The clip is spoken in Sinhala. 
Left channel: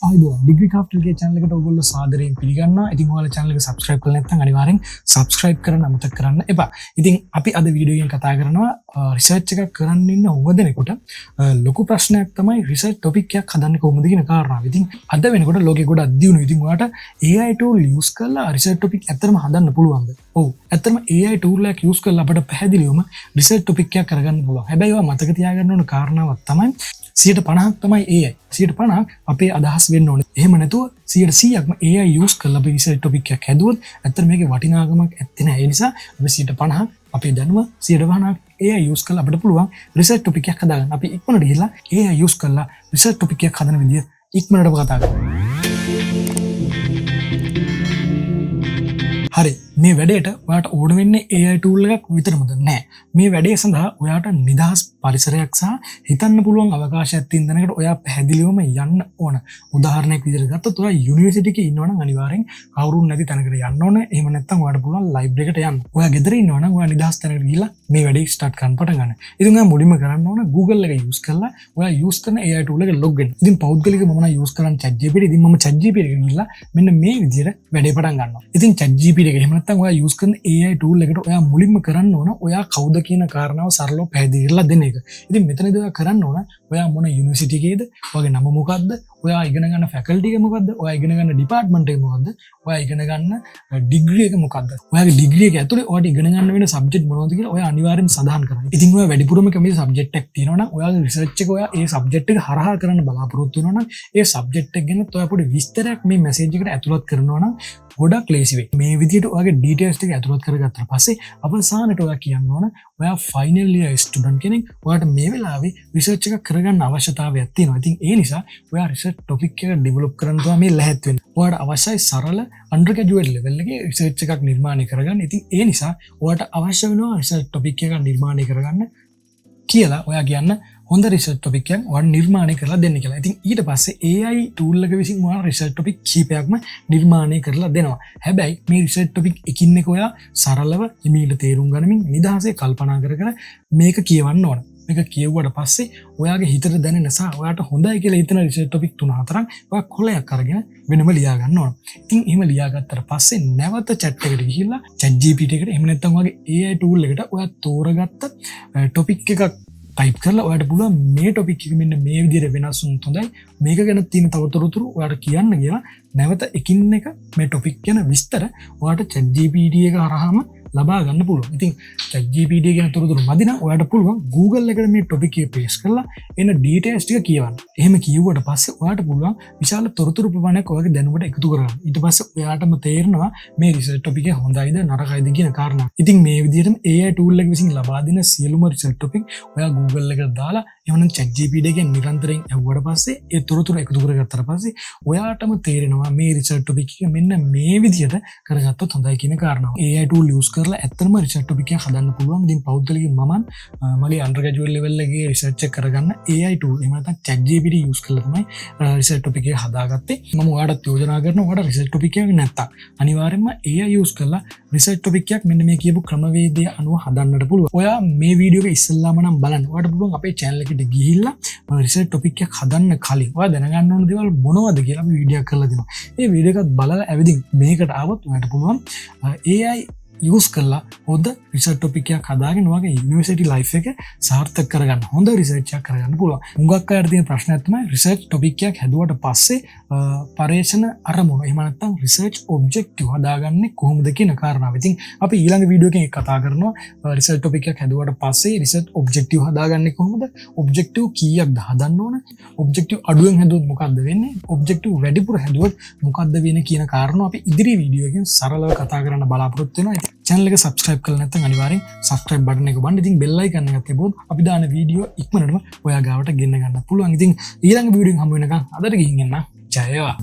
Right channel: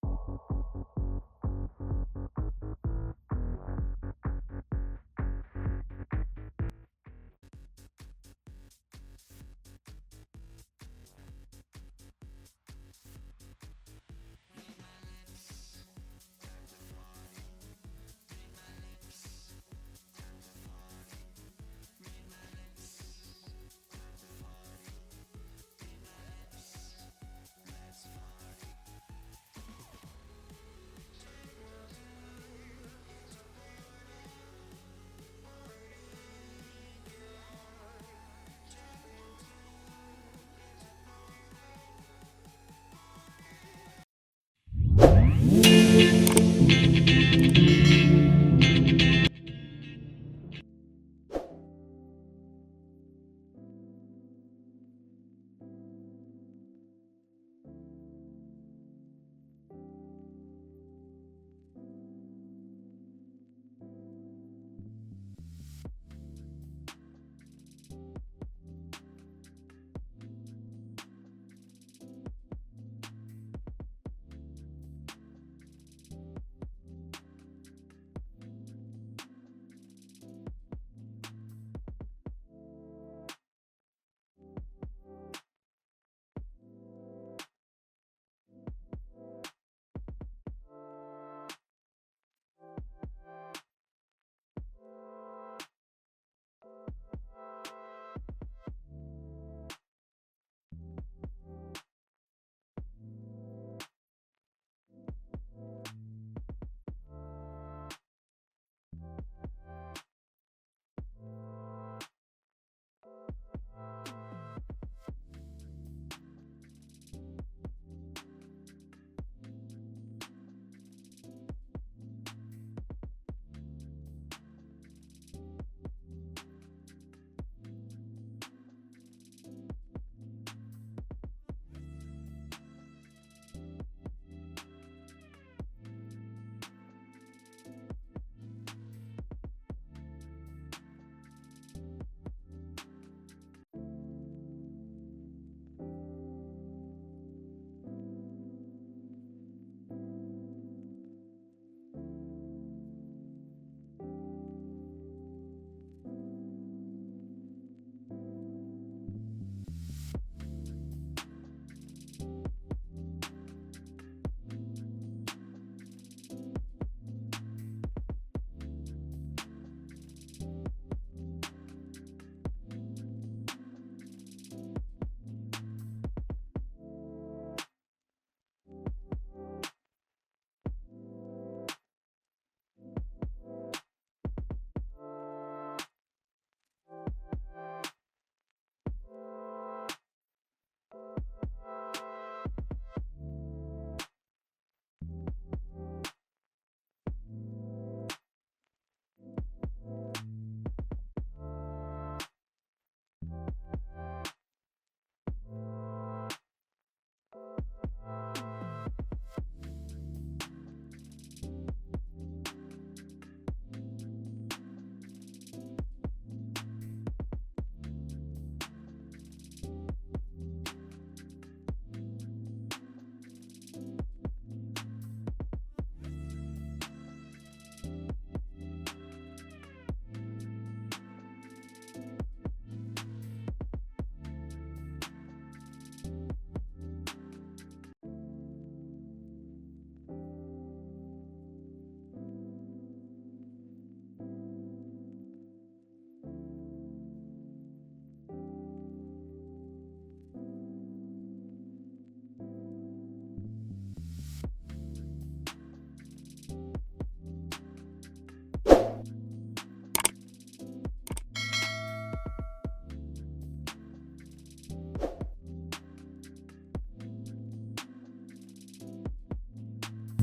ඩිග්‍රී කාප්ටල්ගේ චැනලකට ඔගොල්ලෝ සාදරයෙන් පිළිගන්නවා. ඉතින් ඔයාලා channel එක subscribe කරලා නැත්නම් අනිවාර්යෙන් subscribe කරන්න අමතක කරන්න එපා. ඉතින් අපි අද වීඩියෝ එකෙන් කතා කරනවා රිසර්ච් එකක් කරන්න ඉන්න ඕවදෙනෙකුට ලොකු ප්‍රශ්නයක් තමයි රිසර්ච් ටොපික් එකක් හදන්නේ කොහොමද කියන කාරණාව. ඉතින් අද වෙනකොට ලෝකෙ ගොඩක් දියුණුයි. ඉතින් ඔයාලට AI tool use කරලා රිසර්ච් ටොපික් ඇත්තටම හදන්න පුළුවන්ද? ඔව්. ඇත්තටම AI tool එකක් use කරලා අපිට පැහැදිලිවම රිසර්ච් ටොපික් එකක් කරගන්න පුළුවන්. හැබැයි ඔයා මතක තියාගන්න ඕන කාරණාවක් තමයි 50% තමයි AI. 50% අපේ අදහස් වෙන්න ඕනේ. එහෙම නැතුව 100%ක්ම AI use කරලා අපි රිසර්ච් ටොපික් එකක් හැදුවොත් ඇත්තට මේකේ වටිනාකමක් ඇත්තේ නැහැ. ඒ නිසා අපි 50% අපේ දැනුම 150% AI use කරලා අපිට පුළුවන් රිසර්ච් ටොපික් එකක් හදාගන්න. අපි ඉක්මනට ගිහලා AI use කරලා රිසර්ච් ටොපික් එකක් හදන විදිය ඉක්මනටම කතා කරමු. හරි, මේ වැඩේට ඔයාට ඕන වෙන්නේ AI tool එකක් විතරමද? නෑ. මේ වැඩේ සඳහා ඔයාට නිදහස් පරිසරයක් සහ හිතන්න පුළුවන් අවකාශයක් තියෙන තැනකට ඔයා පැහැදිලිවම යන්න ඕන. උදාහරණයක් විදිහට ගත්තොත් ඔයා යුනිවර්සිටි එකේ ඉන්නවනම් අනිවාර්යෙන් කවුරුන් නැති තැනකට යන්න ඕන. එහෙම නැත්නම් ඔයාට පුළුවන් ලයිබ්‍රරි එකට යන්න. ඔයා ගෙදර ඉන්නවනම් ඔයා නිදහස් තැනකට ගිහිල්ලා මේ වැඩේ ස්ටාර්ට් කරන්න පටන් ගන්න. ඉතින් ඔයා මුලින්ම කරන්න ඕන Google එක use කරලා ඔයා use කරන AI tool එක log වෙන්න. ඉතින් පෞද්ගලිකව මම නම් use කරන්නේ ChatGPT. ඉතින් මම ChatGPT එකට ගිහිල්ලා මෙන්න මේ විදිහට වැඩේ පටන් ගන්නවා. ඉතින් ChatGPT එක එහෙම නැත්නම් ඔයා use කරන AI tool එකට ඔයා මුලින්ම කරන්න ඕන ඔයා කවුද කියන කාරණාව සරලව පැහැදිලි කරලා දෙන එක. ඉතින් මෙතනදී ඔයා කරන්න ඕන ඔයා මොන යුනිවර්සිටි එකේද, ඔයාගේ නම මොකක්ද, ඔයා ඉගෙන ගන්න ෆැකල්ටි එක මොකක්ද, ඔයා ඉගෙන ගන්න ඩිපාර්ට්මන්ට් එක මොකක්ද, ඔයා ඉගෙන ගන්න ඩිග්‍රී එක මොකක්ද, ඔයාගේ ඩිග්‍රී එක ඇතුලේ ඔයාට ඉගෙන ගන්න වෙන සබ්ජෙක්ට් මොනවද කියලා ඔයා අනිවාර්යෙන් සඳහන් කරන්න. ඉතින් ඔයා වැඩිපුරම කැමති සබ්ජෙක්ට් එකක් තියෙනවා නම් ඔයාගේ රිසර්ච් එක ඔයා ඒ සබ්ජෙක්ට් එක හරහා කරන්න බලාපොරොත්තු වෙනවා නම් ඒ සබ්ජෙක්ට් එක ගැන ඔයා පොඩි විස්තරයක් මේ මැසේජ් එකට ඇතුළත් කරනවා නම් ගොඩක් ලේසි වෙයි. මේ විදිහට ඔයාගේ ඩීටේල්ස් ටික ඇතුළත් කරගත්තා පස්සේ අවසානට ඔයා කියන්න ඕන ඔයා ෆයිනල් ඉයර් ස්ටුඩන්ට් කෙනෙක්. ඔයාට මේ වෙලාවේ රිසර්ච් එකක් කරගන්න අවශ්‍යතාවයක් තියෙනවා. ඉතින් ඒ නිසා ඔයා රිසර්ච් ටොපික් එක ඩෙවලොප් කරන්න තමයි මේ ලැහැත් වෙන්නේ. ඔයාට අවශ්‍යයි සරල අන්ඩර් ග්‍රැජුවේට් ලෙවල් එකේ රිසර්ච් එකක් නිර්මාණය කරගන්න. ඉතින් ඒ නිසා ඔයාට අවශ්‍ය වෙනවා රිසර්ච් ටොපික් එකක් නිර්මාණය කරගන්න කියලා ඔයා කියන්න හොඳ රිසර්ච් ටොපික් එකක් ඔයාට නිර්මාණය කරලා දෙන්න කියලා. ඉතින් ඊට පස්සේ AI tool එක විසින් ඔයාලා රිසර්ච් ටොපික් කීපයක්ම නිර්මාණය කරලා දෙනවා. හැබැයි මේ රිසර්ච් ටොපික් එකින් එක ඔයා සරලව ඉමීට තේරුම් ගනිමින් නිදහසේ කල්පනා කර කර මේක කියවන්න ඕන. මේක කියවුවට පස්සේ ඔයාගේ හිතට දැනෙන සහ ඔයාට හොඳයි කියලා හිතන රිසර්ච් ටොපික් 3-4ක් ඔයා කොලයක් අරගෙන වෙනම ලියා ගන්න ඕන. ඉතින් එහෙම ලියාගත්තට පස්සේ නැවත chat එකට ගිහිල්ලා ChatGPT එකට එහෙම නැත්නම් ඔයාගේ AI tool එකට ඔයා තෝරගත්ත ටොපික් එකක් ටයිප් කරලා ඔයාට පුළුවන් මේ ටොපික් එක මෙන්න මේ විදිහට වෙනස් වුණොත් හොඳයි, මේක ගැන තියෙන තවතොරතුරු ඔයාට කියන්න කියලා නැවත එකින් එක මේ ටොපික් ගැන විස්තර ඔයාට ChatGPT එක හරහාම ලබා ගන්න පුළුවන්. ඉතින් ChatGPT ගැන තොරතුරු මදි නම් ඔයාට පුළුවන් Google එකට මේ ටොපික් එක පේස්ට් කරලා එන ඩීටේල්ස් ටික කියවන්න. එහෙම කිව්වට පස්සේ ඔයාට පුළුවන් විශාල තොරතුරු ප්‍රමාණයක් ඔයාගේ දැනුමට එකතු කරගන්න. ඊට පස්සේ ඔයාටම තේරෙනවා මේ රිසර්ච් ටොපික් එක හොඳයිද නරකයිද කියන කාරණා. ඉතින් මේ විදිහටම AI tool එක විසින් ලබා දෙන සියලුම රිසර්ච් ටොපික් ඔයා Google එකට දාලා එහෙනම් ChatGPT එකෙන් නිරන්තරයෙන් ඇහුවට පස්සේ ඒ තොරතුරු එකතු කරගත්තට පස්සේ ඔයාටම තේරෙනවා මේ රිසර්ච් ටොපික් එක මෙන්න මේ විදිහට කරගත්තොත් හොඳයි කියන කාරණාව. AI tool use කරලා ඇත්තටම රිසර්ච් ටොපික් එකක් හදන්න පුළුවන්. ඉතින් පෞද්ගලිකව මම මගේ අන්ඩර් ග්‍රැජුවේට් ලෙවල් එකේ රිසර්ච් එක කරගන්න AI tool එහෙම නැත්නම් ChatGPT use කරලා තමයි රිසර්ච් ටොපික් එක හදාගත්තේ. මම ඔයාලට යෝජනා කරනවා ඔයාලට රිසර්ච් ටොපික් එකක් නැත්තම් අනිවාර්යයෙන්ම AI use කරලා රිසර්ච් ටොපික් එකක් මෙන්න මේ කියපු ක්‍රමවේදය අනුව හදන්නට පුළුවන්. ඔයා මේ වීඩියෝ එක ඉස්සෙල්ලාම නම් බලන්න. ඔයාට පුළුවන් අපේ channel එකට ගිහිල්ලා රිසර්ච් ටොපික් එකක් හදන්න කලින් ඔයා දැනගන්න ඕන දේවල් මොනවද කියලා අපි වීඩියෝ කරලා දෙනවා. මේ වීඩියෝ එකත් බලලා ඇවිදින් මේකට ආවොත් ඔයාට පුළුවන් AI use කරලා හොඳ රිසර්ච් ටොපික් එකක් හදාගෙන ඔයාගේ යුනිවර්සිටි ලයිෆ් එක සාර්ථක කරගන්න, හොඳ රිසර්ච් එකක් කරගන්න පුළුවන්. හුඟක් අයට තියෙන ප්‍රශ්නයක් තමයි රිසර්ච් ටොපික් එකක් හැදුවට පස්සේ පර්යේෂණ අරමුණ එහෙම නැත්නම් රිසර්ච් ඔබ්ජෙක්ටිව් හදාගන්නේ කොහොමද කියන කාරණාව. ඉතින් අපි ඊළඟ වීඩියෝ එකකින් කතා කරනවා රිසර්ච් ටොපික් එකක් හැදුවට පස්සේ රිසර්ච් ඔබ්ජෙක්ටිව් හදාගන්නේ කොහොමද? ඔබ්ජෙක්ටිව් කීයක්ද හදන්න ඕන? ඔබ්ජෙක්ටිව් අඩුවෙන් හැදුවොත් මොකක්ද වෙන්නේ? ඔබ්ජෙක්ටිව් වැඩිපුර හැදුවොත් මොකක්ද වෙන්නේ කියන කාරණාව අපි ඉදිරි වීඩියෝ එකකින් සරලව කතා කරන්න බලාපොරොත්තු වෙනවා. channel එක subscribe කරලා නැත්නම් අනිවාර්යෙන් subscribe button එක ඔබන්න. ඉතින් bell icon එක තිබුණොත් අපි දාන වීඩියෝ ඉක්මනටම ඔයා ගාවට ගෙන්න ගන්න පුළුවන්. ඉතින් ඊළඟ වීඩියෝ එකෙන් හම්බ වෙනකන් අදට ගිහින් එන්න. ජය වේවා.